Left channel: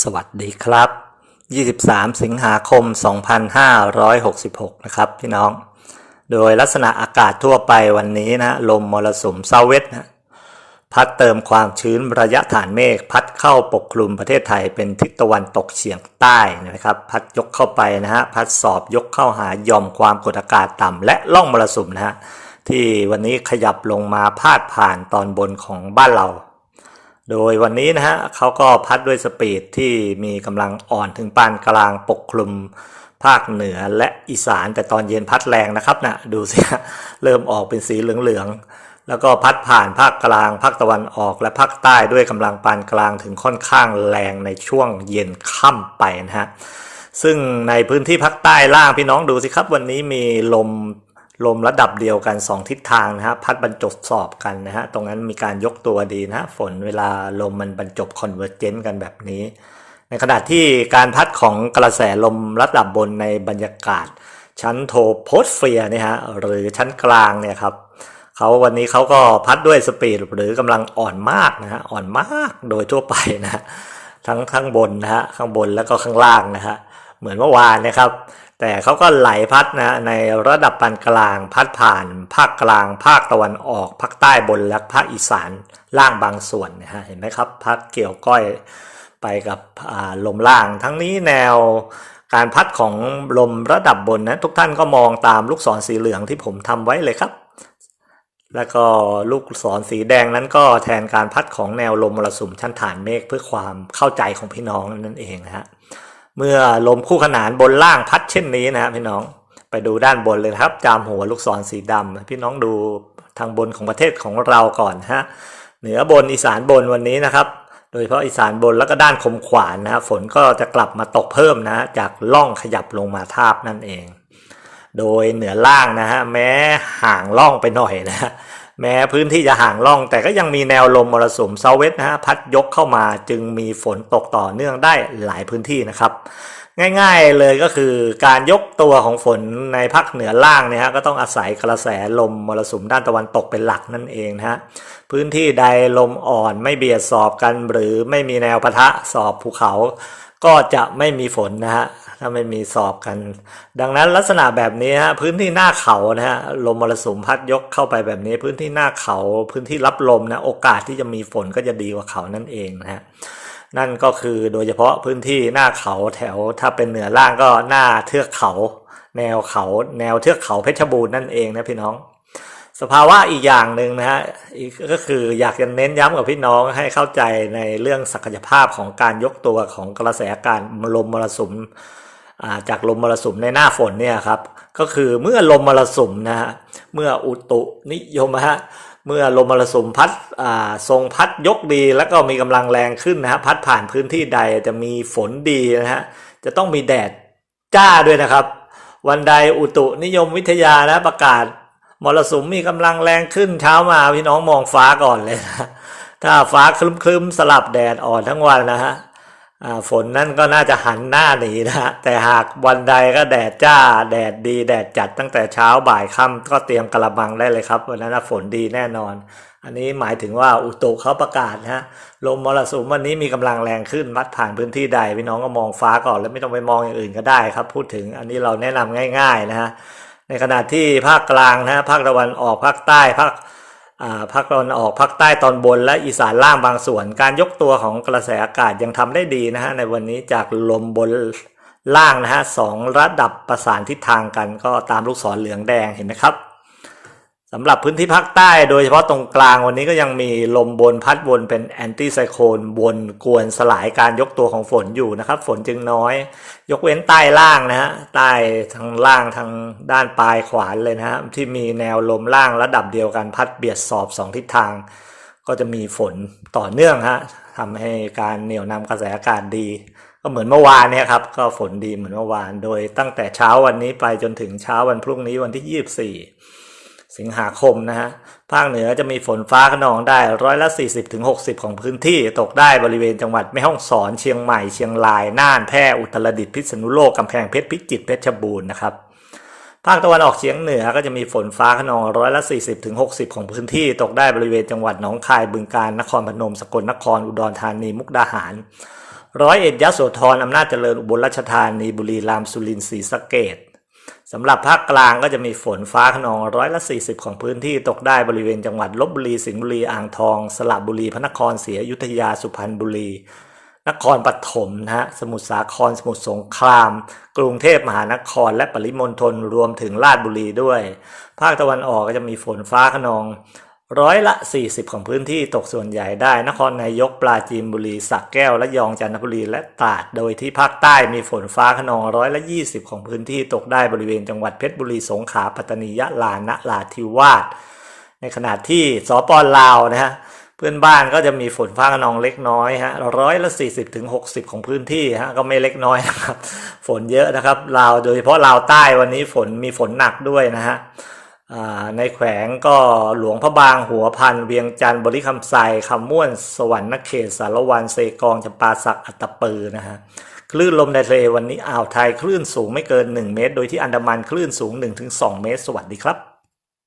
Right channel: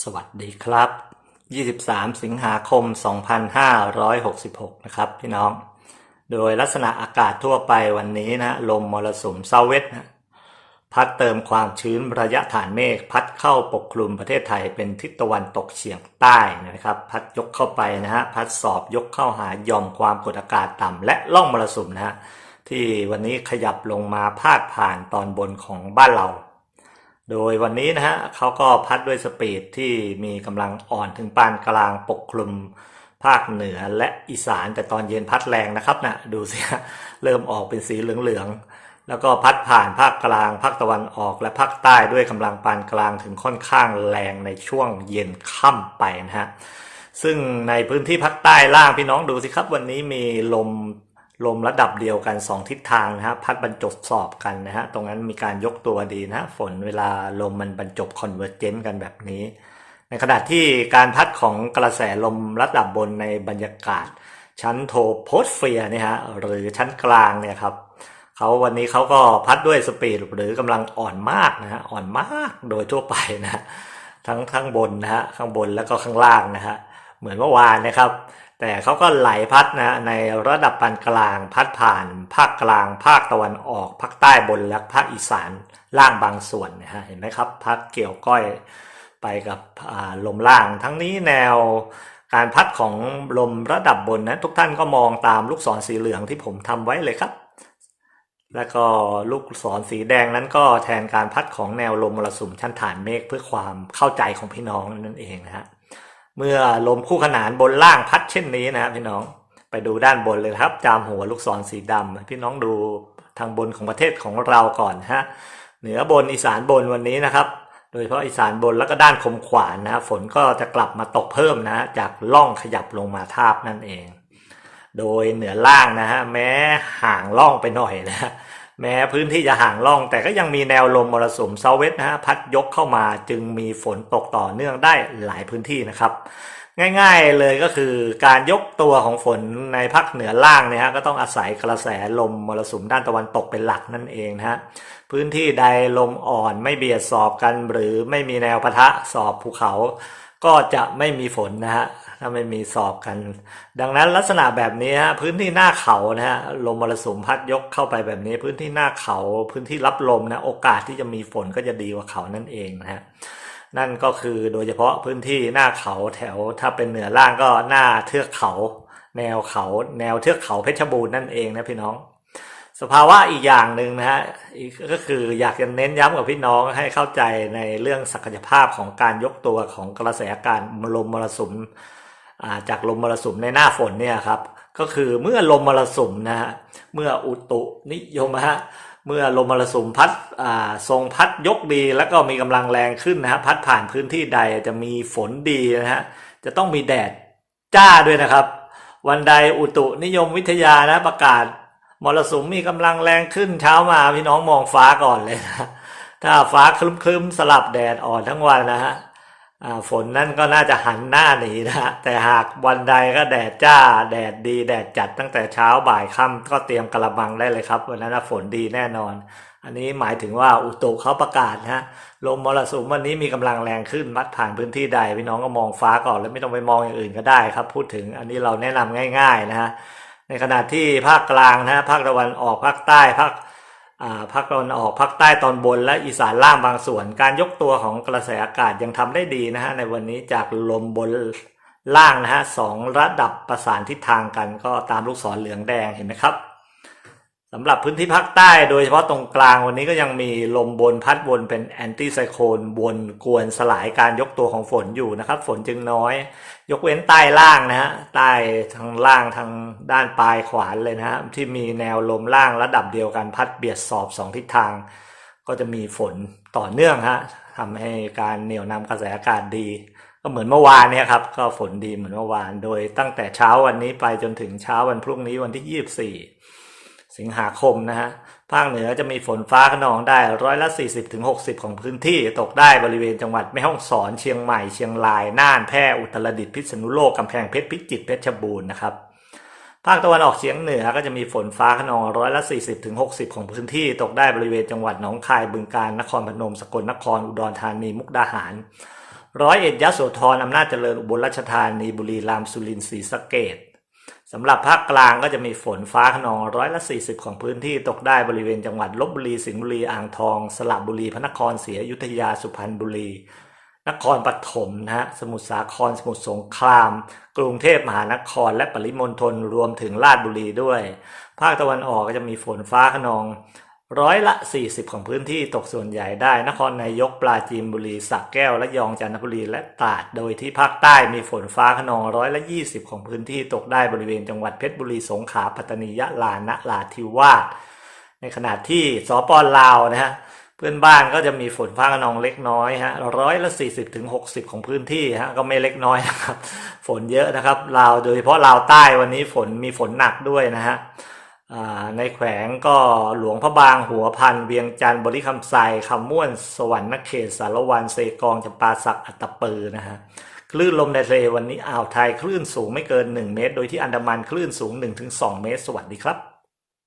สวัสดีครับ 23 สิงหาคม 2566 นะครับพี่น้อง โดยลักษณะอากาศทั่วไปวันนี้นะลมมรสุมเซาเวสนะพัดเติมความชื้นระยะฐานเมฆพัดเข้าปกคลุมประเทศไทยเป็นทิศตะวันตกเฉียงใต้นะครับ พัดยกเข้าไปนะฮะพัดสอบยกเข้าหาย่อมความกดอากาศต่ำและล่องมรสุมนะฮะที่วันนี้ขยับลงมาพาดผ่านตอนบนของบ้านเรา โดยวันนี้นะฮะเขาก็พัดด้วยสปีดที่มีกำลังอ่อนถึงปานกลางปกคลุมภาคเหนือและอีสานแต่ตอนเย็นพัดแรงนะครับนะดูสิเริ่มออกเป็นสีเหลืองๆแล้วก็พัดผ่านภาคกลางภาคตะวันออกและภาคใต้ด้วยกำลังปานกลางถึงค่อนข้างแรงในช่วงเย็นค่ำไปนะฮะซึ่งในพื้นที่ภาคใต้ล่างพี่น้องดูสิครับ วันนี้มีลม ลมระดับเดียวกัน 2 ทิศทางนะฮะพัดบรรจบสอบกันนะฮะตรงนั้นมีการยกตัวดีนะฮะฝนเวลาลมมันบรรจบคอนเวอร์เจนต์กันแบบนี้ ในขณะที่การพัดของกระแสลมระดับบนในบรรยากาศ ชั้นโทโพสเฟียร์เนี่ยฮะหรือชั้นกลางเนี่ยครับเขาวันนี้เขาก็พัดด้วยสปีดหรือกำลังอ่อนมากนะฮะอ่อนมากโดยทั่วไปนะฮะทั้งข้างบนนะฮะข้างบนแล้วก็ข้างล่างนะฮะเหมือนเมื่อวานนะครับ แต่เขาก็ไหลพัดนะในระดับปานกลางพัดผ่าน ภาคกลาง ภาคตะวันออก ภาคใต้บนและภาคอีสานล่างบางส่วนนะฮะเห็นไหมครับพัดเกี่ยวก้อยไปกับลมล่าง ทั้งนี้แนวการพัดของลมระดับบนนะทุกท่านก็มองตามลูกศรสีเหลืองที่ผมทำไว้เลยครับ แล้วก็ลูกศรสีแดงนั้นก็แทนการพัดของแนวลมมรสุมชั้นฐานเมฆเพื่อความเข้าใจของพี่น้องนั่นเองนะฮะ เมื่อลมคู่ขนานบนล่างพัดเช่นนี้นะพี่น้องไปดูด้านบนเลยครับจามหัวลูกศรสีดำพี่น้องดูทางบนของประเทศของเราก่อนฮะเหนือบนอีสานบนวันนี้นะครับ โดยเฉพาะอีสานบนแล้วก็ด้านคมขวานนะฝนก็จะกลับมาตกเพิ่มนะจากล่องขยับลงมาทาบนั่นเอง โดยเหนือล่างนะฮะแม้ห่างล่องไปหน่อยนะ แม้พื้นที่จะห่างล่อง แต่ก็ยังมีแนวลมมรสุมเซาเวสนะฮะพัดยกเข้ามาจึงมีฝนตกต่อเนื่องได้หลายพื้นที่นะครับ ง่ายๆเลยก็คือการยกตัวของฝนในภาคเหนือล่างเนี่ยฮะก็ต้องอาศัยกระแสลมมรสุมด้านตะวันตกเป็นหลักนั่นเองนะฮะพื้นที่ใดลมอ่อนไม่เบียดสอบกันหรือไม่มีแนวปะทะสอบภูเขา ก็จะไม่มีฝนนะฮะถ้าไม่มีสอบกัน ดังนั้นลักษณะแบบนี้ฮะพื้นที่หน้าเขานะฮะลมมรสุมพัดยกเข้าไปแบบนี้ พื้นที่หน้าเขา พื้นที่รับลมนะโอกาสที่จะมีฝนก็จะดีกว่าเขานั่นเองนะฮะ นั่นก็คือโดยเฉพาะพื้นที่หน้าเขาแถวถ้าเป็นเหนือล่างก็หน้าเทือกเขา แนวเขาแนวเทือกเขาเพชรบูรณ์นั่นเองนะพี่น้อง สภาวะอีกอย่างหนึ่งนะฮะก็คืออยากจะเน้นย้ำกับพี่น้องให้เข้าใจในเรื่องศักยภาพของการยกตัวของกระแสอากาศลมมรสุมจากลมมรสุมในหน้าฝนเนี่ยครับก็คือเมื่อลมมรสุมนะฮะเมื่ออุตุนิยมฮะ เมื่อลมมรสุมพัดทรงพัดยกดีแล้วก็มีกำลังแรงขึ้นนะฮะพัดผ่านพื้นที่ใดจะมีฝนดีนะฮะจะต้องมีแดดจ้าด้วยนะครับ วันใดอุตุนิยมวิทยานะประกาศมรสุมมีกำลังแรงขึ้นเช้ามาพี่น้องมองฟ้าก่อนเลยนะถ้าฟ้าคลึ้มๆสลับแดดอ่อนทั้งวันนะฮะ ฝนนั่นก็น่าจะหันหน้าหนีนะฮะแต่หากวันใดก็แดดจ้า แดดดี แดดจัดตั้งแต่เช้าบ่ายค่ำก็เตรียมกระบังได้เลยครับวันนั้นฝนดีแน่นอน อันนี้หมายถึงว่าอุตุเขาประกาศนะฮะลมมรสุมวันนี้มีกำลังแรงขึ้นมัดผ่านพื้นที่ใดพี่น้องก็มองฟ้าก่อน แล้วไม่ต้องไปมองอย่างอื่นก็ได้ครับ พูดถึงอันนี้เราแนะนำง่าย ๆนะฮะในขณะที่ภาคกลางนะภาคตะวันออกภาคใต้ภาค ภาคตะวันออกภาคใต้ตอนบนและอีสานล่างบางส่วน การยกตัวของกระแสอากาศยังทำได้ดีนะฮะในวันนี้จากลมบนล่างนะฮะสองระดับประสานทิศทางกันก็ตามลูกศรเหลืองแดงเห็นไหมครับ สำหรับพื้นที่ภาคใต้โดยเฉพาะตรงกลางวันนี้ก็ยังมีลมบนพัดวนเป็นแอนตี้ไซโคลนบนกวนสลายการยกตัวของฝนอยู่นะครับ ฝนจึงน้อย ยกเว้นใต้ล่างนะฮะใต้ทางล่างทางด้านปลายขวานเลยนะฮะที่มีแนวลมล่างระดับเดียวกันพัดเบียดสอบสองทิศทาง ก็จะมีฝนต่อเนื่องฮะทำให้การเหนี่ยวนำกระแสอากาศดี ก็เหมือนเมื่อวานเนี่ยครับก็ฝนดีเหมือนเมื่อวาน โดยตั้งแต่เช้าวันนี้ไปจนถึงเช้าวันพรุ่งนี้วันที่24สิ สิงหาคมนะฮะ ภาคเหนือจะมีฝนฟ้าขนองได้ร้อยละ 40-60ถึงของพื้นที่ตกได้บริเวณจังหวัดแม่ฮ่องสอนเชียงใหม่เชียงราย น่านแพร่อุตรดิตถ์พิษณุโลกกำแพงเพชรพิจิตรเพชรบูรณ์นะครับภาคตะวันออกเฉียงเหนือก็จะมีฝนฟ้าขนองร้อยละ 40-60ถึงของพื้นที่ตกได้บริเวณจังหวัดหนองคายบึงกาฬนครพนมสกลนครอุดรธานีมุกดาหาร ร้อยเอ็ดยะโสธรอำนาจเจริญอุบลราชธานีบุรีรัมย์สุรินทร์ศรีสะเกด สำหรับภาคกลางก็จะมีฝนฟ้าขนองร้อยละ 40 ของพื้นที่ตกได้บริเวณจังหวัดลบบุรี สิงห์บุรี อ่างทอง สระบุรี พระนครศรีอยุธยา สุพรรณบุรี นครปฐมนะฮะ สมุทรสาคร สมุทรสงคราม กรุงเทพมหานคร และปริมณฑลรวมถึงราชบุรีด้วย ภาคตะวันออกก็จะมีฝนฟ้าขนอง ร้อยละ 40 ของพื้นที่ตกส่วนใหญ่ได้ นครนายกปราจีนบุรีสระแก้วและยองจันทบุรีและตราดโดยที่ภาคใต้มีฝนฟ้าขนองร้อยละ 20 ของพื้นที่ตกได้บริเวณจังหวัดเพชรบุรีสงขลาปัตตานียะลานะราธิวาสในขณะที่สปปลาวนะฮะเพื่อนบ้านก็จะมีฝนฟ้าขนองเล็กน้อยฮะร้อยละ 40ถึง60 ของพื้นที่ฮะก็ไม่เล็กน้อยนะครับ ฝนเยอะนะครับลาวโดยเฉพาะลาวใต้วันนี้ฝนมีฝนหนักด้วยนะฮะ ในแขวงก็หลวงพระบางหัวพันเวียงจันทร์บริคำไซคำม่วนสวรรค์นเขตสารวันเซกองจำปาสักอัตตปือนะฮะคลื่นลมในทะเลวันนี้อ่าวไทยคลื่นสูงไม่เกิน 1 เมตร โดยที่อันดามันคลื่นสูง 1-2 เมตร สวัสดีครับ